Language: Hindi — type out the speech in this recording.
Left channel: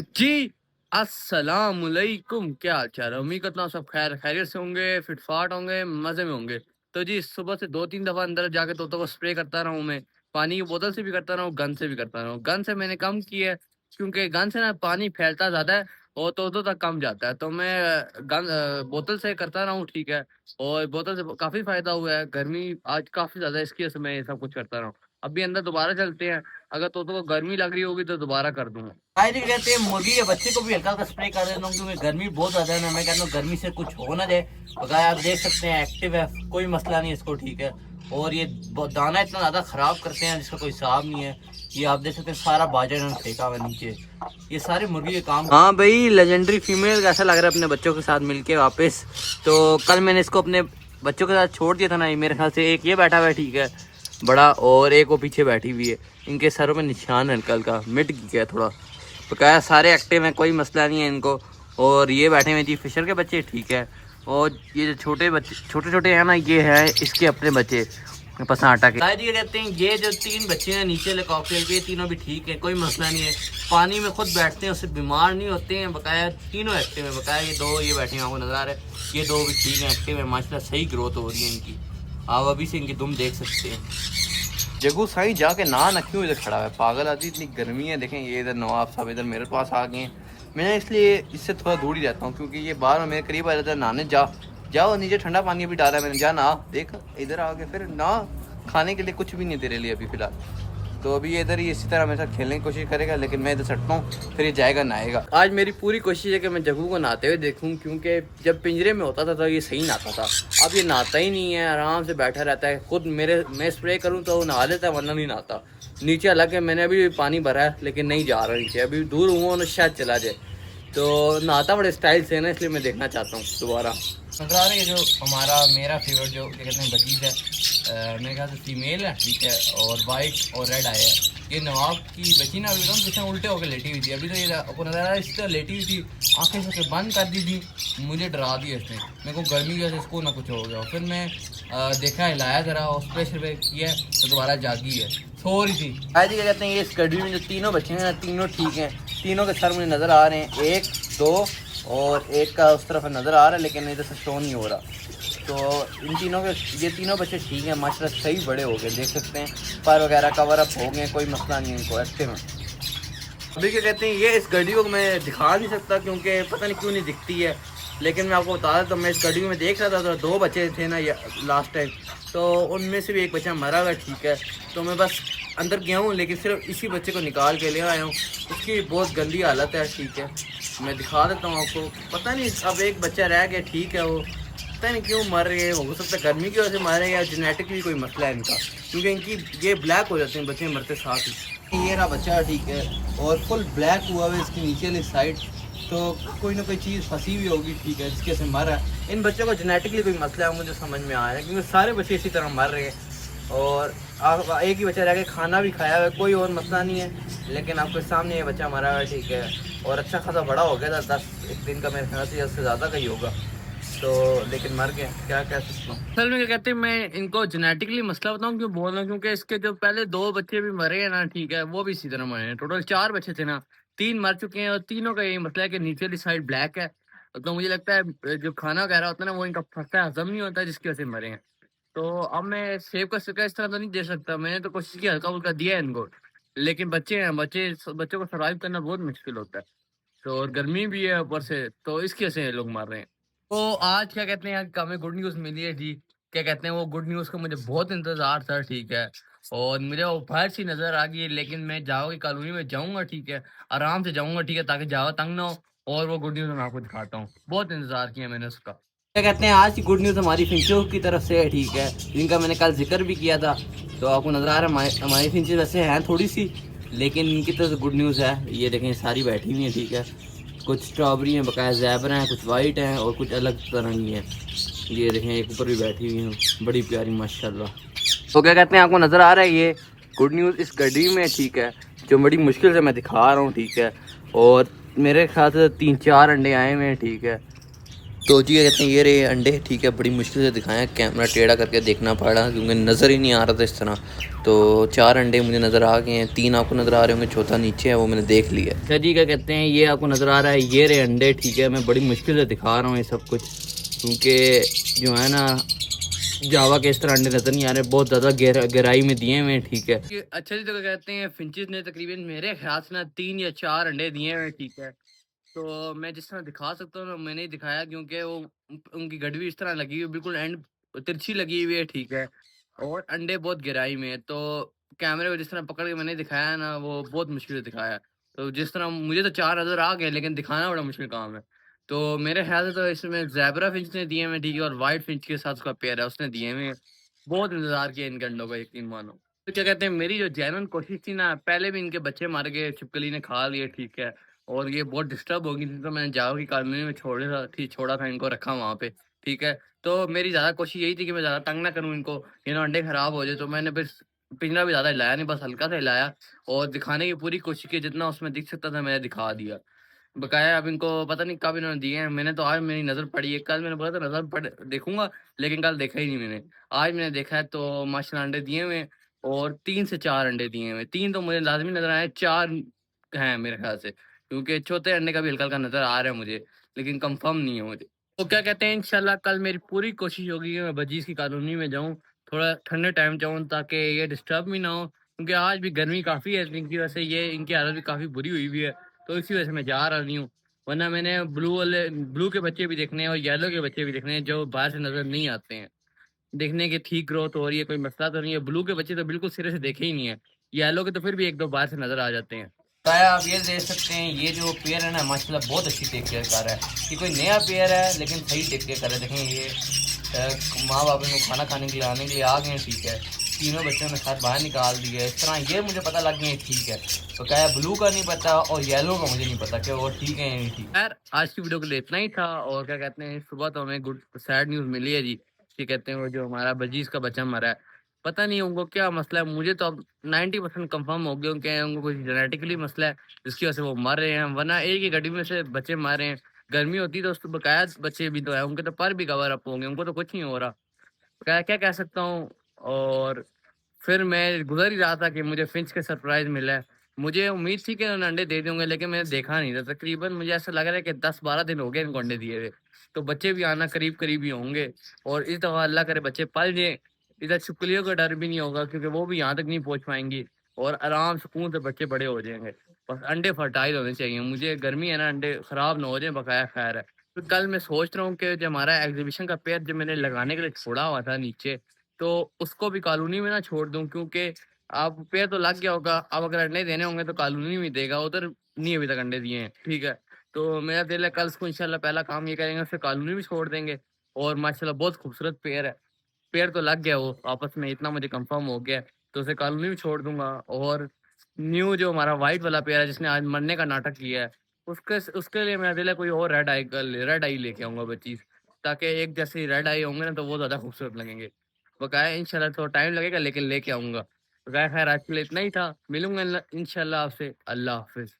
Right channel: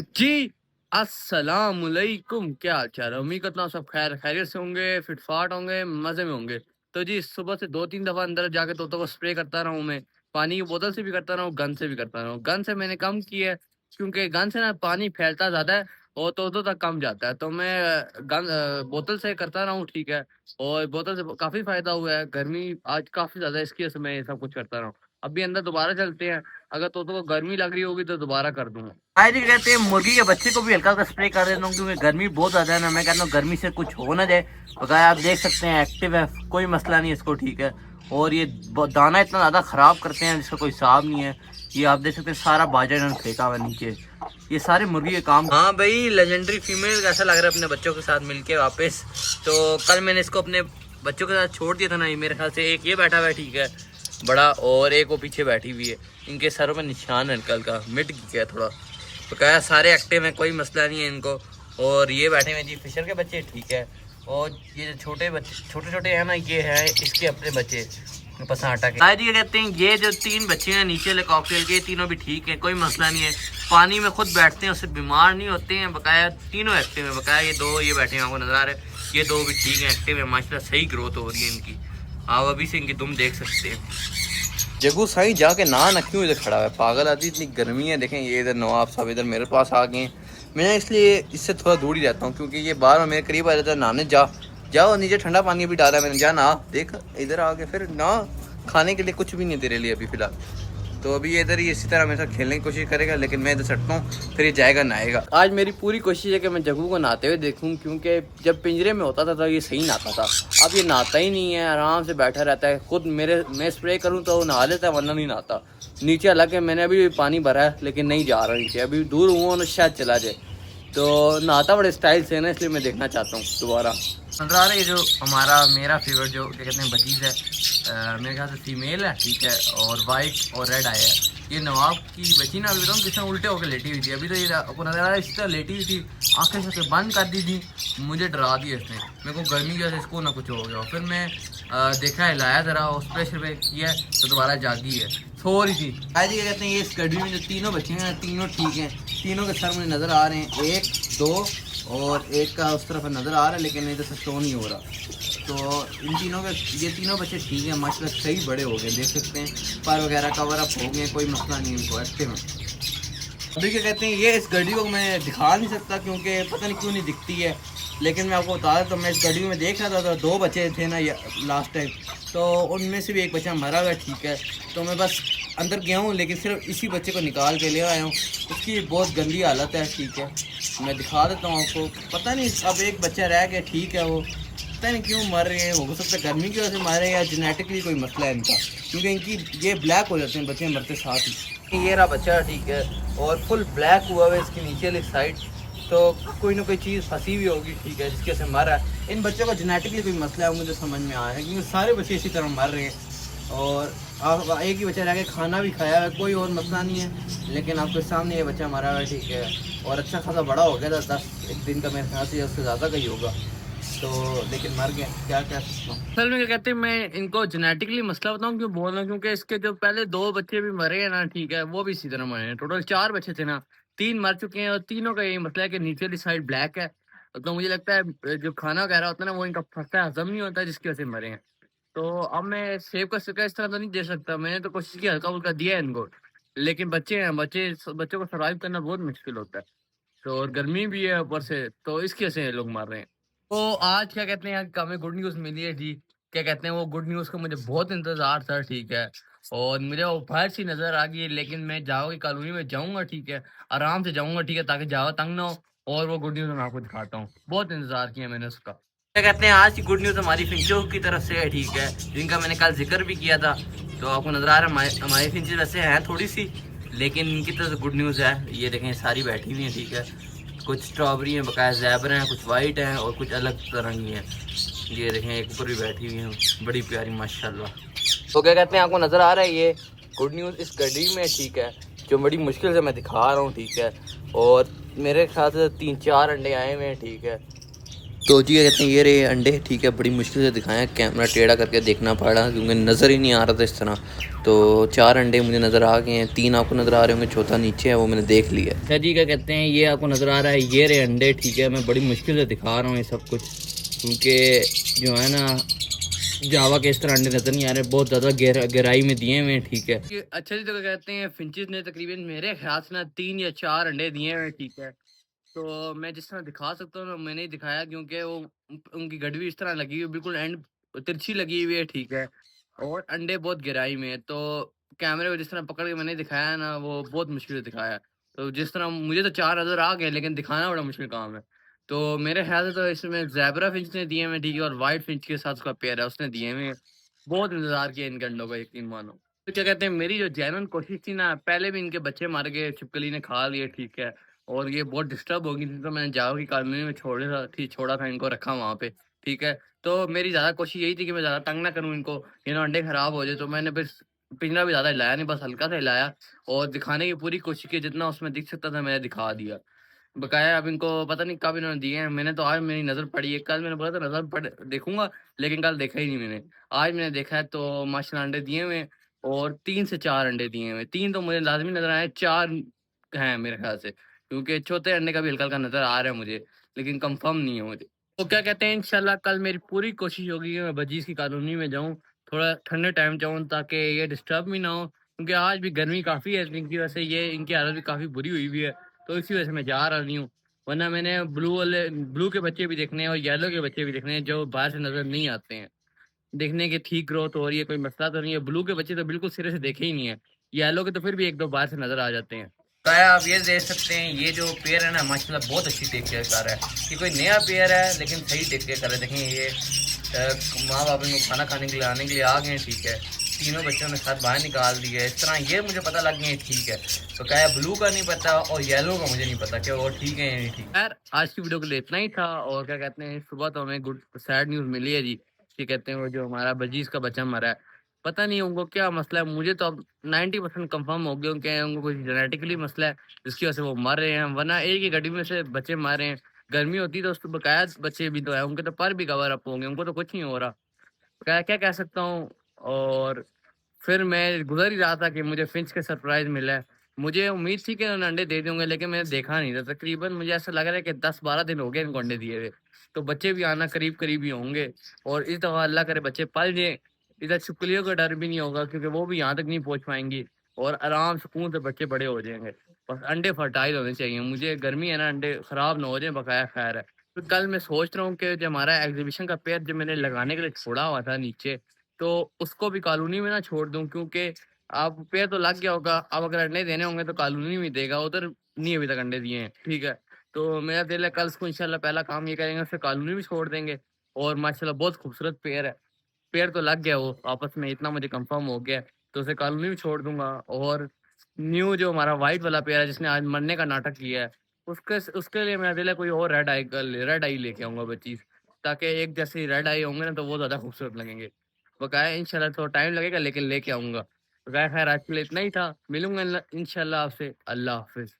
जी, अस्सलामुअलैकुम, क्या हाल चाल है? उम्मीद करता हूँ सब खैरियत से होंगे, फिट-फाट होंगे, मज़े में होंगे। तो जी, सुबह से 2-3 दफ़ा अंदर जाके तोतों को स्प्रे करता रहा हूँ मैं। पानी की बोतल से भी करता रहा हूँ, गन से भी करता रहा हूँ। गन से मैंने कम की है, क्योंकि गन से ना पानी फैलता ज़्यादा है और तोतों तक कम जाता है। तो मैं बोतल से करता रहा हूँ, ठीक है। और बोतल से काफ़ी फ़ायदा हुआ है। गर्मी आज काफ़ी ज़्यादा है, इसकी वजह से मैं ये सब कुछ करता रहा हूँ। अभी अंदर दोबारा चलते हैं, अगर तोतों को गर्मी लग रही होगी तो दोबारा कर दूँगा। आए जी कहते हैं मुर्गी के बच्चे को भी हल्का हल्का स्प्रे कर देता हूँ क्योंकि गर्मी बहुत ज्यादा है ना। मैं कहता हूँ गर्मी से कुछ हो ना जाए। बकाया आप देख सकते हैं एक्टिव है, कोई मसला नहीं इसको, ठीक है। और ये दाना इतना ज्यादा खराब करते हैं जिसका कोई हिसाब नहीं है। ये आप देख सकते हैं सारा बाजरा इन्होंने फेंका हुआ है नीचे। ये सारे मुर्गी के काम। हाँ भाई, लेजेंडरी फीमेल कैसा लग रहा है अपने बच्चों के साथ मिलके वापस। तो कल मैंने इसको अपने बच्चों के साथ छोड़ दिया था ना, ये मेरे ख्याल से एक ये बैठा हुआ है, ठीक है, बड़ा, और एक वो पीछे बैठी हुई है। इनके सरों पे निशान है कल का, मिट गया थोड़ा। तो क्या है, सारे एक्टिव हैं, कोई मसला नहीं है इनको। और ये बैठे हुए जी फिशर के बच्चे, ठीक है। और ये जो छोटे बच्चे छोटे छोटे हैं ना, ये है इसके अपने बच्चे पसनाटा के। शायद ये कहते हैं ये जो 3 बच्चे हैं नीचे वाले कॉकटेल के, तीनों भी ठीक है, कोई मसला नहीं है। पानी में खुद बैठते हैं, उससे बीमार नहीं होते हैं। बकाया तीनों एक्टिव है। बकाया ये 2 ये बैठे हैं, आपको नजर आ रहे हैं, ये 2 भी ठीक है, एक्टिव है माशाल्लाह, सही ग्रोथ हो रही है इनकी। आप अभी से इनकी दुम देख सकते हैं। जगू साई जाके ना क्यों इधर खड़ा है, पागल आदमी, इतनी गर्मी है। देखें ये इधर नवाब साहब इधर मेरे पास आ गए हैं। मैं इसलिए इससे थोड़ा दूर ही रहता हूँ क्योंकि ये बार बार मेरे करीब आ जाता है। नहाने जाओ नीचे, ठंडा पानी भी डाला है मैंने, जा ना, देख इधर आ गए। फिर ना खाने के लिए कुछ भी नहीं तेरे लिए अभी फ़िलहाल। तो अभी ये इधर ही इसी तरह मेरे साथ खेलने की कोशिश करेगा, लेकिन मैं इधर सटता हूँ, फिर ये जाएगा नहाएगा। आज मेरी पूरी कोशिश है कि मैं जग्गू को नहाते हुए देखूँ, क्योंकि जब पिंजरे में होता था तो ये सही नहाता था। अब ये नहाता ही नहीं है, आराम से बैठा रहता है। खुद मैं स्प्रे करूँ तो वो नहा लेता है, वरना नहीं नहाता। नीचे हालांकि मैंने अभी पानी भरा है, लेकिन नहीं जा रहा नीचे, अभी दूर हूँ और शायद चला जाए। तो नहाता बड़े स्टाइल से है ना, इसलिए मैं देखना चाहता हूँ दोबारा। नजर आ रही है जो हमारा मेरा फेवरेट जो क्या कहते हैं बजीज है, मेरे ख्याल से फीमेल है, ठीक है। और वाइट और रेड आया है। ये नवाब की बची ना, एकदम जिसमें उल्टे होकर लेटी हुई थी। अभी तो ये आपको नजर आ रहा है, इस तरह लेटी हुई थी, आंखें से बंद कर दी थी। मुझे डरा दिया इसने, मेरे को गर्मी की वजह से इसको ना कुछ हो गया। फिर मैं देखा, हिलाया ज़रा और प्रेशर पे किया तो दोबारा जागी है, सो रही थी। आज क्या कहते हैं ये इस गड्डी में जो तीनों बच्चे हैं ना, तीनों ठीक हैं। तीनों के सर मुझे नज़र आ रहे हैं, 1 2 और एक का उस तरफ नज़र आ रहा है, लेकिन इधर से शो नहीं हो रहा। तो इन तीनों के, ये तीनों बच्चे ठीक हैं माशाल्लाह, सही बड़े हो गए, देख सकते हैं पर वगैरह कवर अप हो गए, कोई मसला नहीं इनको, एक्टिव हैं। अभी क्या कहते हैं ये इस घड़ी को मैं दिखा नहीं सकता क्योंकि पता नहीं क्यों नहीं दिखती है, लेकिन मैं आपको बता देता हूँ। मैं इस घड़ी में देख रहा था तो 2 बच्चे थे ना लास्ट टाइम, तो उनमें से भी एक बच्चा मरा हुआ, ठीक है। तो मैं बस अंदर गया हूँ, लेकिन सिर्फ इसी बच्चे को निकाल के ले आया हूँ। उसकी बहुत गंदी हालत है, ठीक है। मैं दिखा देता हूँ आपको। पता नहीं अब एक बच्चा रह गया, ठीक है। वो पता नहीं क्यों मर रहे हैं, हो सकता है गर्मी की वजह से मर रहे हैं या जेनेटिकली कोई मसला है इनका, क्योंकि इनकी ये ब्लैक हो जाते हैं बच्चे मरते साथ ही। ये रहा बच्चा, ठीक है, और फुल ब्लैक हुआ है इसकी नीचे वाली साइड। तो कोई ना कोई चीज़ फंसी हुई होगी, ठीक है, जिसके से मर रहा है। इन बच्चों को जेनेटिकली कोई मसला है, मुझे समझ में आ रहा है, क्योंकि सारे बच्चे इसी तरह मर रहे हैं। और एक ही बच्चा रह गया, खाना भी खाया है, कोई और मसला नहीं है, लेकिन आपके सामने ये बच्चा मरा है, ठीक है। और अच्छा खासा बड़ा हो गया था, 10 दिन का मेरे ख्याल से, उससे ज़्यादा का ही होगा। तो लेकिन मर गए, क्या कह सकता हूँ। असल में क्या कहते हैं, मैं इनको जेनेटिकली मसला बताऊं क्यों बोल रहा हूँ, क्योंकि इसके जो पहले 2 बच्चे भी मरे हैं ना, ठीक है, वो भी इसी तरह मरे हैं। टोटल 4 बच्चे थे ना, 3 मर चुके हैं और तीनों का यही मसला है कि नीचे वाली साइड ब्लैक है। तो मुझे लगता है जो खाना वगैरह होता है ना, वो इनका फंसता है, हजम नहीं होता, जिसकी वजह से मरे हैं। तो अब मैं सेब का सिक्का इस तरह तो नहीं दे सकता, मैंने तो कोशिश की, हल्का फुल्का दिया है इनको, लेकिन बच्चे हैं, बच्चों को सर्वाइव करना बहुत मुश्किल होता है। तो और गर्मी भी है ऊपर से, तो इसकी वजह से ये लोग मर रहे हैं। तो आज क्या कहते हैं, हमें गुड न्यूज़ मिली है जी। क्या कहते हैं, वो गुड न्यूज़ का मुझे बहुत इंतज़ार था, ठीक है। और मुझे वो बाहर सी नज़र आ गई है, लेकिन मैं जाओ की कॉलोनी में जाऊँगा, ठीक है। आराम से जाऊँगा, ठीक है, ताकि जावा तंग ना हो। और वो गुड न्यूज़ मैं आपको दिखाता हूँ। बहुत इंतज़ार किया मैंने उसका। क्या कहते हैं आज की गुड न्यूज़ हमारी फिंचों की तरफ से है, ठीक है, जिनका मैंने कल जिक्र भी किया था। तो आपको नजर आ रहा है हमारी फिंचें वैसे हैं थोड़ी सी, लेकिन इनकी तरफ से गुड न्यूज़ है। ये देखें सारी बैठी हुई हैं, ठीक है। कुछ स्ट्रॉबेरी हैं, बकाया ज़ैबर हैं, कुछ वाइट हैं और कुछ अलग तरह की हैं। ये देखें एक ऊपर भी बैठी हुई हैं, बड़ी प्यारी माशाल्लाह। तो क्या कहते हैं, आपको नज़र आ रहा है ये गुड न्यूज़ इस गड्डी में, ठीक है, जो बड़ी मुश्किल से मैं दिखा रहा हूँ, ठीक है। और मेरे ख्याल से 3-4 अंडे आए हुए हैं, ठीक है। तो जी क्या कहते हैं ये रहे अंडे, ठीक है, बड़ी मुश्किल से दिखाया, कैमरा टेढ़ा करके देखना पड़ा क्योंकि नज़र ही नहीं आ रहा था इस तरह। तो 4 अंडे मुझे नज़र आ गए हैं, 3 आपको नज़र आ रहे होंगे, चौथा नीचे है, वो मैंने देख लिया। अच्छा जी क्या कहते हैं ये आपको नज़र आ रहा है, ये रहे अंडे, ठीक है, मैं बड़ी मुश्किल से दिखा रहा हूँ ये सब कुछ क्योंकि जो है ना जावा के इस तरह अंडे नज़र नहीं आ रहे, बहुत ज़्यादा गहराई में दिए हुए हैं, ठीक है। अच्छा जी तो क्या कहते हैं फिंचेस ने तकरीबन मेरे ख्याल से ना 3 या 4 अंडे दिए हुए हैं, ठीक है। तो मैं जिस तरह दिखा सकता हूँ ना मैंने ही दिखाया क्योंकि वो उनकी गड़वी इस तरह लगी हुई है, बिल्कुल एंड तिरछी लगी हुई है, ठीक है, और अंडे बहुत गहराई में है। तो कैमरे में जिस तरह पकड़ के मैंने दिखाया ना वो बहुत मुश्किल से दिखाया। तो जिस तरह मुझे तो 4 नज़र आ गए लेकिन दिखाना बड़ा मुश्किल काम है। तो मेरे ख्याल से तो इसमें ज़ेब्रा फिंच ने दिए हुए हैं, ठीक है, और व्हाइट फिंच के साथ उसका पेयर है उसने दिए हुए हैं। बहुत इंतज़ार किया इनके अंडों का, यकीन मानो। तो क्या कहते हैं मेरी जो जेन्युइन कोशिश थी ना, पहले भी इनके बच्चे मार के छिपकली ने खा लिए, ठीक है, और ये बहुत डिस्टर्ब हो गई थी तो मैंने जाओ की कॉलोनी में छोड़ा था इनको, रखा वहाँ पे, ठीक है। तो मेरी ज़्यादा कोशिश यही थी कि मैं ज़्यादा तंग ना करूँ इनको, ये ना अंडे खराब हो जाए, तो मैंने बस पिंजरा भी ज़्यादा हिलाया नहीं, बस हल्का सा हिलाया और दिखाने की पूरी कोशिश की, जितना उसमें दिख सकता था मैंने दिखा दिया। बकाया अब इनको पता नहीं कब इन्होंने दिए हैं, मैंने तो आज मेरी नज़र पड़ी है, कल मैंने बोला था नज़र पड़ देखूँगा, लेकिन कल देखा ही नहीं मैंने। आज मैंने देखा है तो माशाल्लाह अंडे दिए हुए हैं और 3 से 4 अंडे दिए हुए हैं, 3 तो मुझे लाज़मी नज़र आए, 4 हैं मेरे ख़्याल से, क्योंकि चौथे अंडे का भी हल्का-हल्का नज़र आ रहा है मुझे, लेकिन कन्फर्म नहीं है मुझे। तो क्या कहते हैं इंशाल्लाह कल मेरी पूरी कोशिश होगी कि मैं बजीज़ की कॉलोनी में जाऊँ, थोड़ा ठंडे टाइम जाऊँ ताकि ये डिस्टर्ब भी ना हो, क्योंकि आज भी गर्मी काफ़ी है, इनकी वजह से ये इनकी हालत भी काफ़ी बुरी हुई हुई है। तो इसी वजह से मैं जा रहा नहीं हूँ, वरना मैंने ब्लू के बच्चे भी देखने हैं और येलो के बच्चे भी देखने हैं जो बाहर से नज़र नहीं आते हैं। देखने की ठीक ग्रोथ हो रही है, कोई मसला तो नहीं है, ब्लू के बच्चे तो बिल्कुल सिरे से देखे ही नहीं है, येलो के तो फिर भी 1-2 बाहर से नज़र आ जाते हैं। बताया आप ये देख सकते हैं ये जो पेयर है ना माशाल्लाह बहुत अच्छी टेक केयर कर रहा है। ये कोई नया पेयर है लेकिन सही टेक केयर कर रहा है। देखें ये माँ बाप इनको खाना खाने के लिए आने के लिए आ गए हैं, ठीक है, तीनों बच्चों ने साथ बाहर निकाल दिए इस तरह, ये मुझे पता लग गया है, ठीक है। तो क्या है ब्लू का नहीं पता और येलो का मुझे नहीं पता कि वो ठीक है या नहीं ठीक। यार आज की वीडियो के लिए इतना ही था और क्या कहते हैं सुबह तो हमें गुड सैड न्यूज़ मिली है जी, कि कहते हैं वो जो हमारा बजीज का बच्चा मरा है, पता नहीं उनको क्या मसला है, मुझे तो अब 90% कंफर्म हो गया कि उनको कुछ जेनेटिकली मसला है जिसकी वजह से वो मर रहे हैं, वरना एक ही गड्डी में से बच्चे मार रहे हैं। गर्मी होती तो उसको बकाया बच्चे भी तो है, उनके तो पर भी कवर अप होंगे, उनको तो कुछ नहीं हो रहा, क्या क्या कह सकता हूँ। और फिर मैं गुज़र ही रहा था कि मुझे फिंच का सरप्राइज़ मिला है। मुझे उम्मीद थी कि उन्होंने अंडे दे देंगे लेकिन मैंने देखा नहीं था। तकरीबन मुझे ऐसा लग रहा है कि 10-12 दिन हो गए इनको अंडे दिए हुए। तो बच्चे भी आना करीब-करीब ही होंगे और इस दफ़ा अल्लाह करे बच्चे पल जाएँ। इधर छिपकलियों का डर भी नहीं होगा क्योंकि वो भी यहाँ तक नहीं पहुँच पाएँगी और आराम सुकून से बच्चे बड़े हो जाएँगे। बस अंडे फर्टाइल होने चाहिए। मुझे गर्मी है ना, अंडे ख़राब ना हो जाएँ, बकाया ख़ैर है। तो कल मैं सोच रहा हूँ कि जो हमारा एग्ज़िबिशन का पेड़ जो मैंने लगाने के लिए छोड़ा हुआ था नीचे, तो उसको भी कॉलोनी में ना छोड़ दूँ क्योंकि अब पेड़ तो लग गया होगा, अब अगर अंडे देने होंगे तो कॉलोनी में देगा, उधर नहीं अभी तक अंडे दिए हैं, ठीक है। तो मेरा दिल है कल उसको इंशाल्लाह पहला काम ये करेंगे, उसे कॉलोनी में छोड़ देंगे और माशाल्लाह बहुत खूबसूरत पेड़ है। पेड़ तो लग गया वो आपस में, इतना मुझे कंफर्म हो गया है, तो उसे कॉलोनी में छोड़ दूँगा और न्यू जो हमारा व्हाइट वाला पेड़ है जिसने आज मरने का नाटक किया है, उसके लिए मेरा दिल है कोई और रेड आई लेके आऊँगा बचीज़, ताकि एक जैसे रेड आई होंगे ना तो वो ज़्यादा खूबसूरत लगेंगे। बकाया इंशाल्लाह थोड़ा टाइम लगेगा लेकिन लेके आऊँगा। बकाया खैर आज के लिए इतना ही था, मिलूँगा इंशाल्लाह आपसे, अल्लाह हाफ़िज़।